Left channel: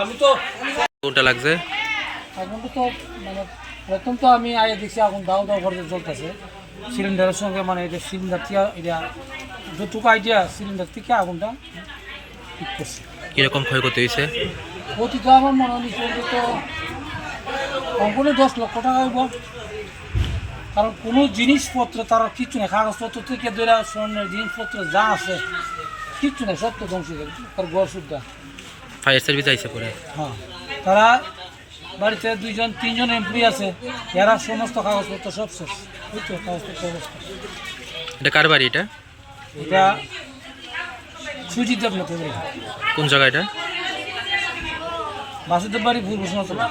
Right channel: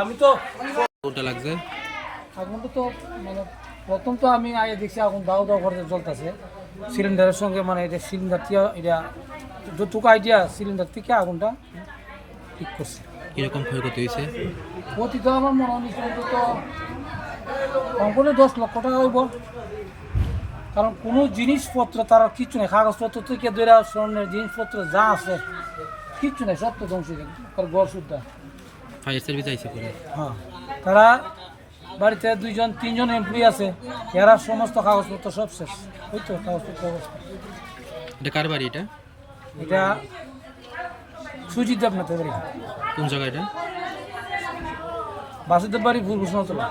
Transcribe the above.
আমি তো কোনটা লাগছে? আগুন তো মানে প্রথম তো আমি আগে দেখছি আগুন দাও দাও করে জ্বলতেছে সিলিন্ডারের সঙ্গে, মানে এটা সিলিন্ডার থেকে এটা যতটুকু আইডিয়া সিলিন্ডার থেকে আগুনটা ঠিক করছে। কিরকম ক্ষয়ক্ষতি হয়েছে? ক্ষতি তো আমার মনে হচ্ছে তো কমপক্ষে 10 লক্ষ টাকা হইব, কারণ কোনো জিনিসপত্র তার কিচ্ছু নেই, কাগজপত্র থেকে ধরে স্বর্ণের জিনিসপত্র যা আছে কিচ্ছু নেই, সব তো ধ্বংস হয়ে যাবে তার ঘর সুদ্ধা। ফায়ার সার্ভিস আইছে পরে? হ্যাঁ, তারা বাড়িতে 2-3জন এমপ্লয়ি আছে, এরা সমস্ত কাগজপত্র সব শেষ। ওই তো কাগজপত্র অবস্থা। এটা কার বাড়ি এটা? এটা সুজিত দেবনাথের বাড়ি। কোন জায়গা এটা? বাসুদেব বাড়ি ভুল ঘোষণা।